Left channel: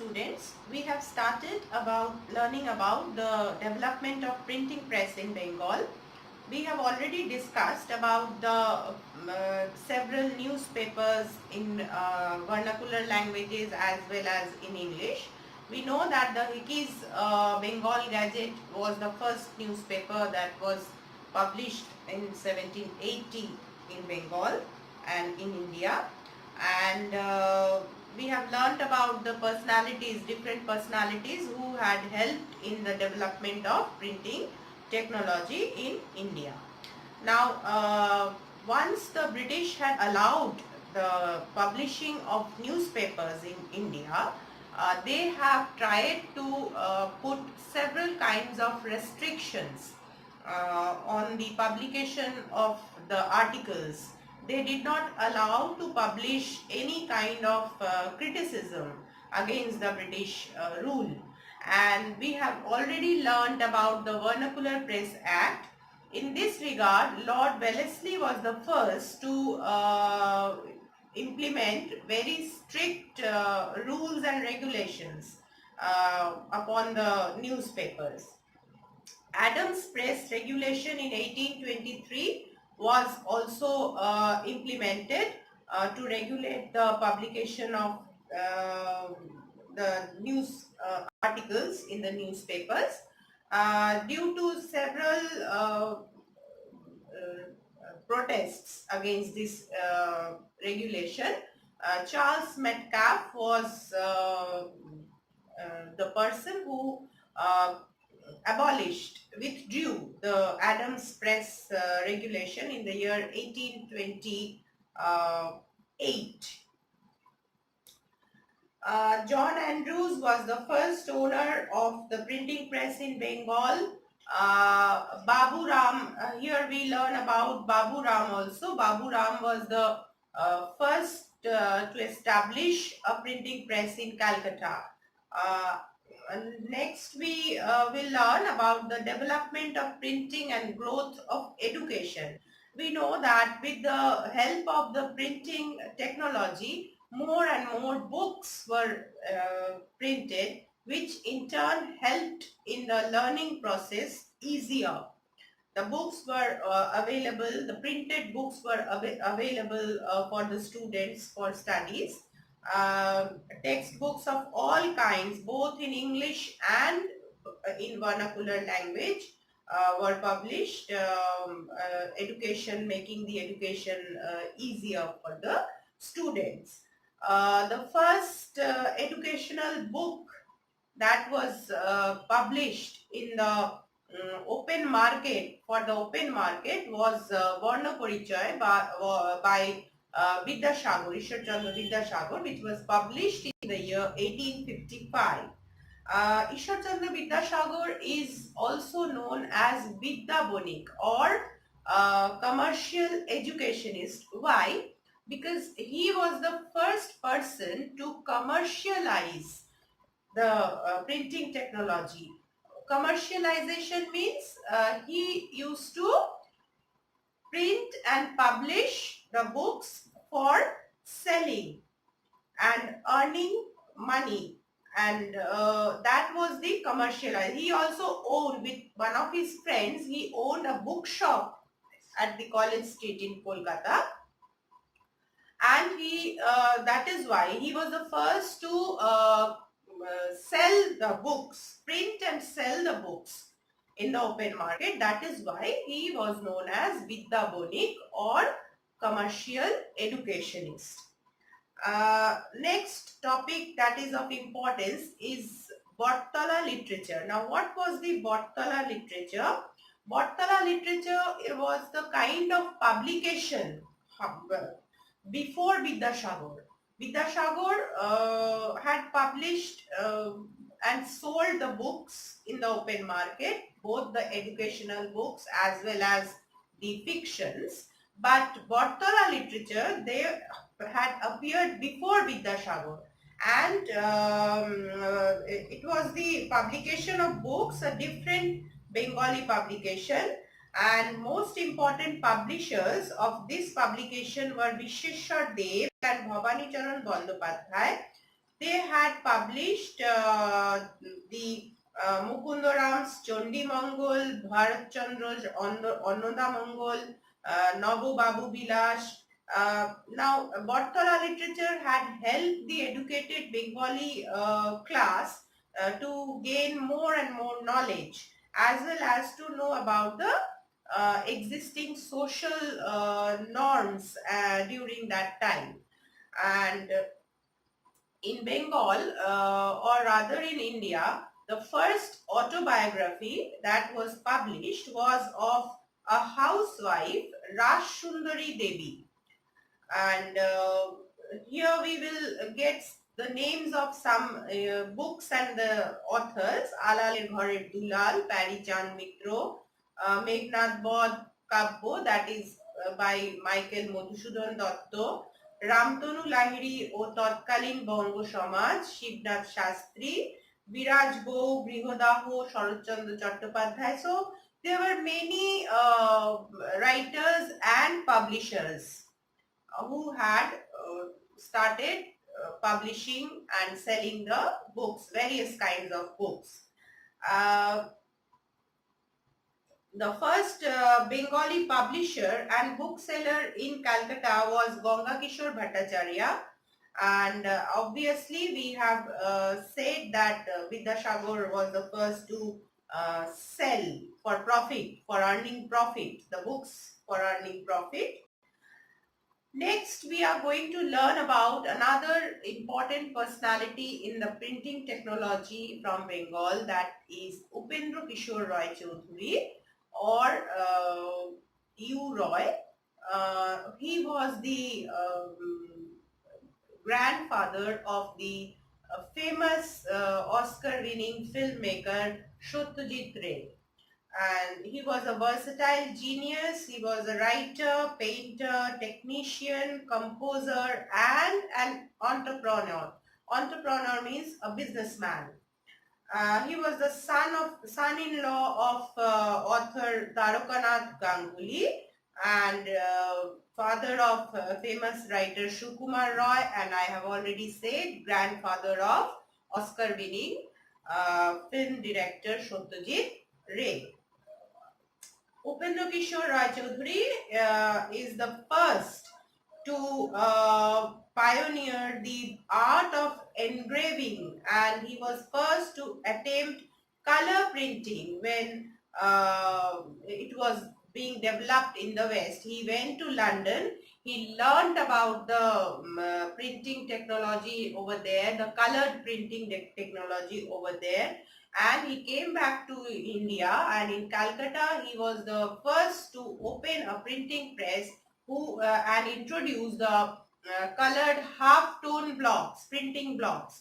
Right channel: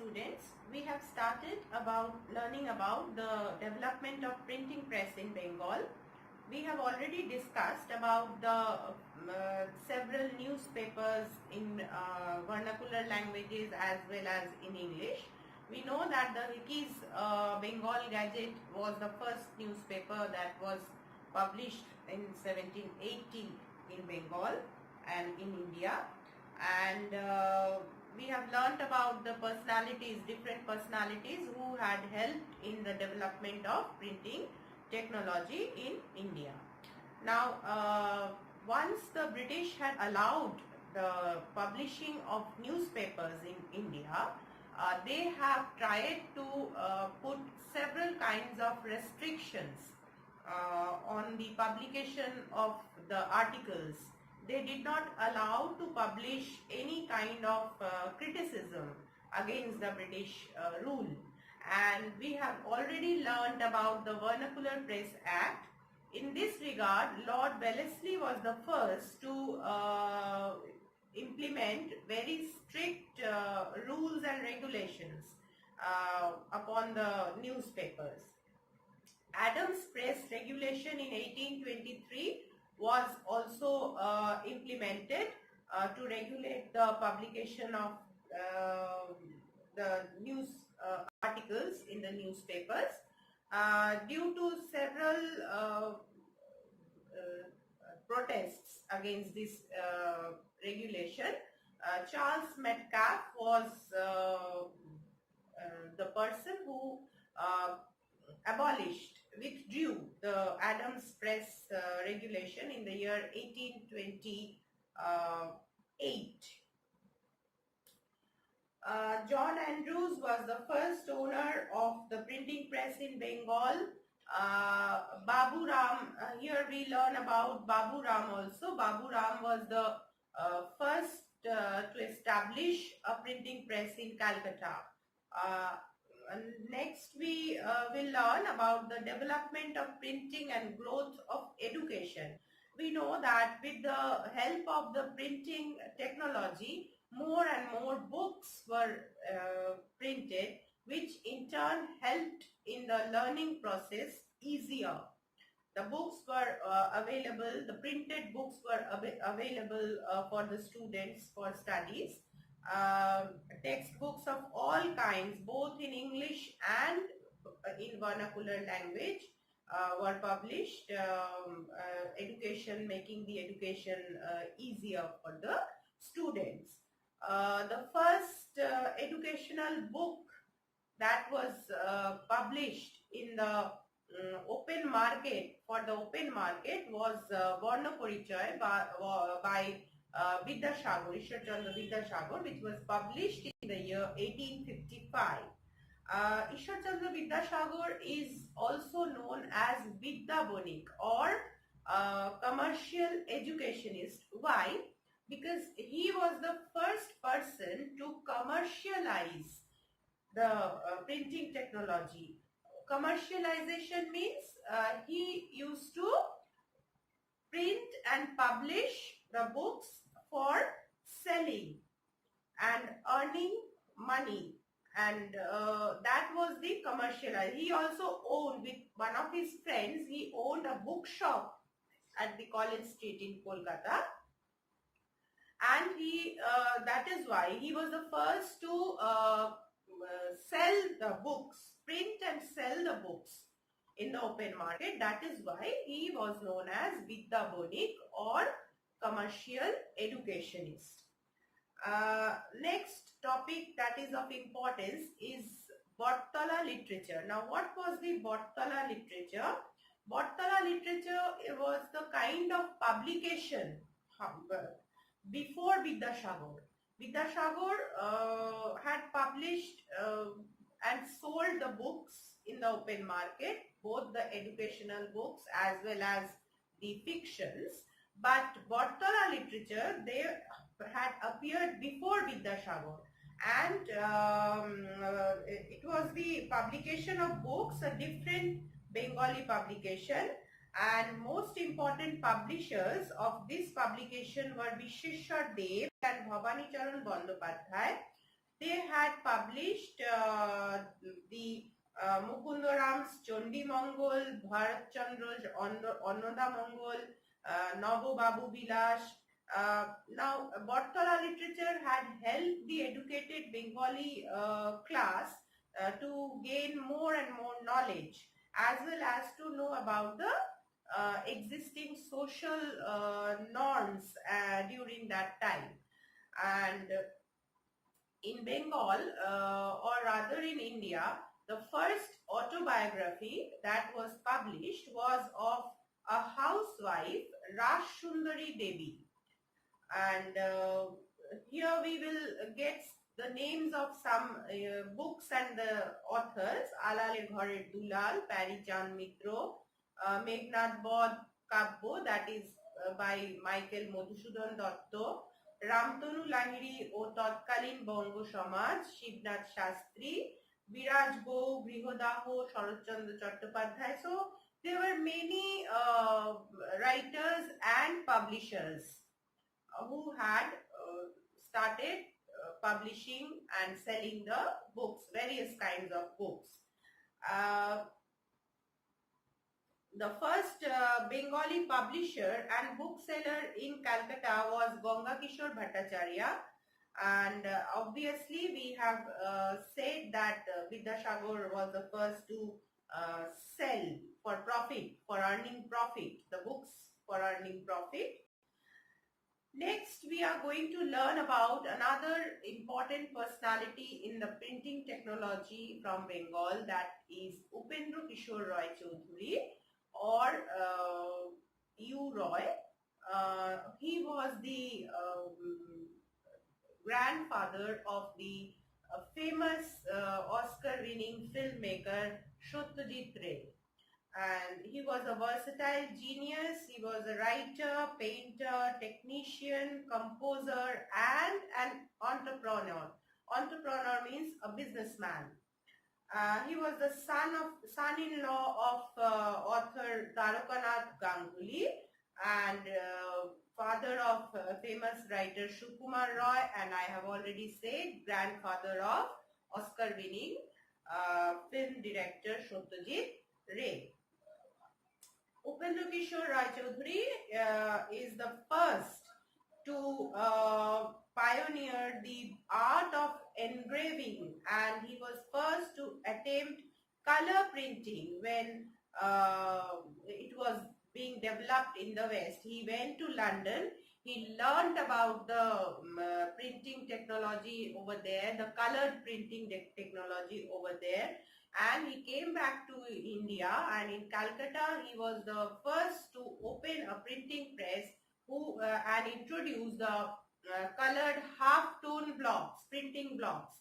students, we have started about learning about the development of printing press in Bengal. We have already discussed about the several newspapers in vernacular languages as well as in English. We know that the Hickey's Bengal Gazette was the first newspaper that was published in 1780 in Bengal and in India, and we have learnt about the personalities, different personalities who had helped in the development of printing technology in India. Now, once the British had allowed the publishing of newspapers in India, they have tried to put several kinds of restrictions on the publication of the articles. They did not allow to publish any kind of criticism against the British rule. And we have already learned about the Vernacular Press Act. In this regard, Lord Wellesley was the first to implement very strict rules and regulations upon the newspapers. Adams Press Regulation in 1823 was also implemented to regulate the publication of the news articles in the newspapers. Due to several protests against this regulation, Charles Metcalfe was the person who withdrew the Adams Press regulation in the year 1828. John Andrews was the first owner of the printing press in Bengal. Babu Ram, here we learn about Babu Ram also. Babu Ram was the first to establish a printing press in Calcutta. Next we will learn about the development of printing and growth of education. We know that with the help of the printing technology, more and more books were printed, which in turn helped in the learning process easier. The books were available, the printed books were available for the students for studies. Textbooks of all kinds, both in English and in vernacular language, were published, making the education easier for the students. The first educational book that was published in the open market, for the open market, was Varna Parichaya by Vidyasagar, Ishwar Chandra Vidyasagar, which was published in the year 1855. Ishwar Chandra Vidyasagar is also known as Vidya Bonik or commercial educationist. Why? Because he was the first person to commercialize the printing technology. Commercialization means he used to print and publish the books for selling and earning money, and that was the commercialization. He also owned, with one of his friends, he owned a bookshop at the College Street in Kolkata, and he that is why he was the first to sell the books, print and sell the books in the open market. That is why he was known as Vidya Bonik or commercial educationist. Next topic that is of importance is Bhattala literature. Now, what was the Bhattala literature? Bhattala literature was the kind of publication before Vidyasagar. Vidyasagar had published and sold the books in the open market, both the educational books as well as the fictions. But Bhattala literature, they had appeared before Vidyasagar, and it was the publication of books, a different Bengali publication, and most important publishers of this publication were Visheshwar Dev and Bhavani Charan Bandopadhyay. they had published the Mukundaram's Chondi Mongol, Bharat Chandra's Annoda Mongol, Nabo Babu Bilash. Now, Bartala literature had helped the educated Bengali class to gain more and more knowledge, as well as to know about the existing social norms during that time. And in Bengal, or rather in India, the first autobiography that was published was of a housewife, Raj Sundari Devi. And here we will get the names of some books and the authors: Alaler Ghorer Dulal, Parichand Mitro, Meghnad Bod Kabbo, that is by Michael Madhusudan Dotto, Ramtanu Lahiri ও তৎকালীন বঙ্গ সমাজ, শিবনাথ শাস্ত্রী, বিরাজ বউ, Grihadaha, Saratchandra Chattopadhyay. So there were many writers and publishers who had started publishing and selling the books, various kinds of books. The first Bengali publisher and bookseller in Calcutta was Ganga Kishore Bhattacharya, and obviously we have said that Vidyasagar was the first to sell for profit, for earning profit, the books for earning profit. Next, we are going to learn about another important personality in the printing technology from Bengal, that is Upendra Kishore Roy Choudhury, or U. Roy. He was the grandfather of the famous Oscar-winning filmmaker Satyajit Ray. And he was a versatile genius. He was a writer, painter, technician, composer, and an entrepreneur. Entrepreneur means a businessman. He was the son-in-law of author Tarakanath Ganguly, and father of famous writer Sukumar Roy, and I have already said grandfather of Oscar-winning film director Satyajit Ray. Upendra Kishore Roy Choudhury is the first to pioneer the art of engraving, and he was first to attempt color printing when it was being developed in the West. He went to London. He learned about the printing technology over there, the colored printing technology over there, and he came back to India, and in Calcutta he was the first to open a printing press and introduce the colored half-tone blocks, printing blocks,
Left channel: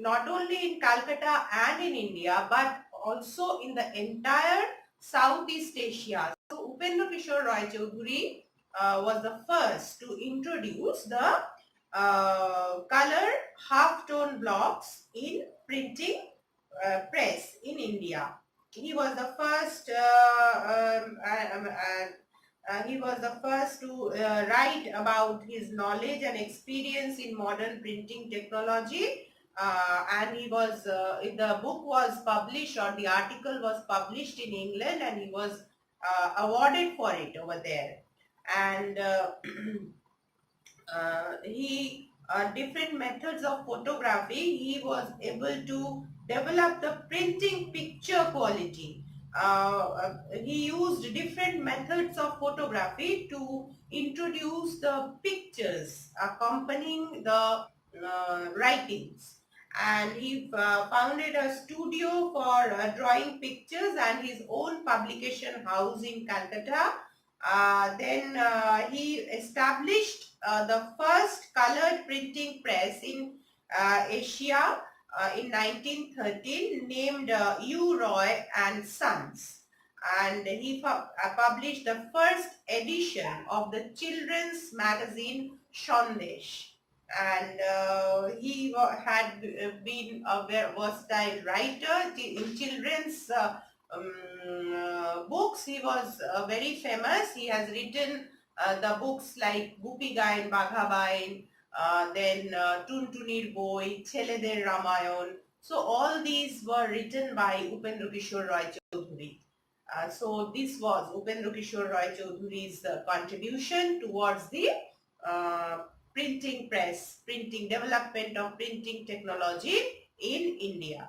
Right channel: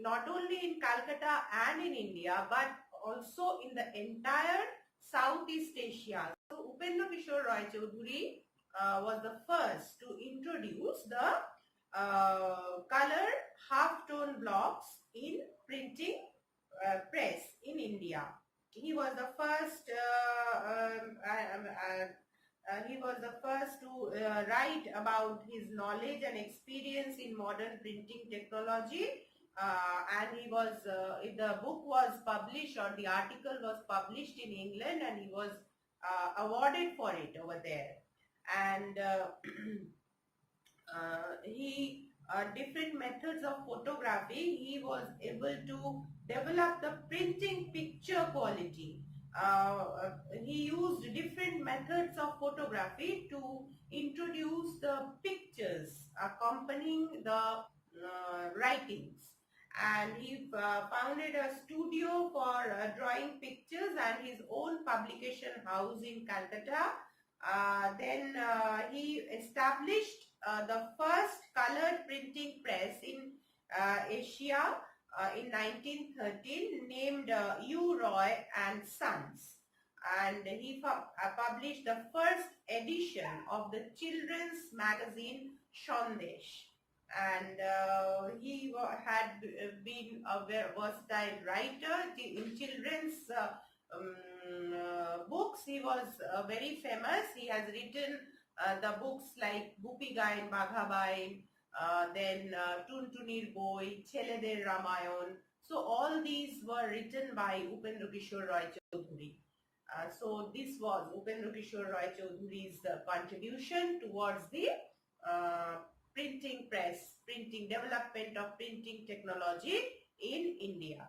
not only in Calcutta and in India, but also in the entire Southeast Asia. So Upendra Kishore Roy Choudhury was the first to introduce the colored half-tone blocks in printing press in India. He was the first to write about his knowledge and experience in modern printing technology, and he was the book was published, or the article was published in England, and he was awarded for it over there. And he different methods of photography, he was able to develop the printing picture quality. He used different methods of photography to introduce the pictures accompanying the writings, and he founded a studio for drawing pictures and his own publication house in Calcutta. Then he established the first colored printing press in Asia in 1913, named U. Roy and Sons, and he published the first edition of the children's magazine Sandesh. And he had been a very versatile writer in children's books. He was very famous. He has written the books like Gupi Gayan, Bagha Bayan, then Tuntunir Boi, Cheleder Ramayan. So all these were written by Upendra Kishore Roy Choudhury. So this was Upendra Kishore Roy Choudhury's contribution towards the uh, printing press, printing development of printing technology in India.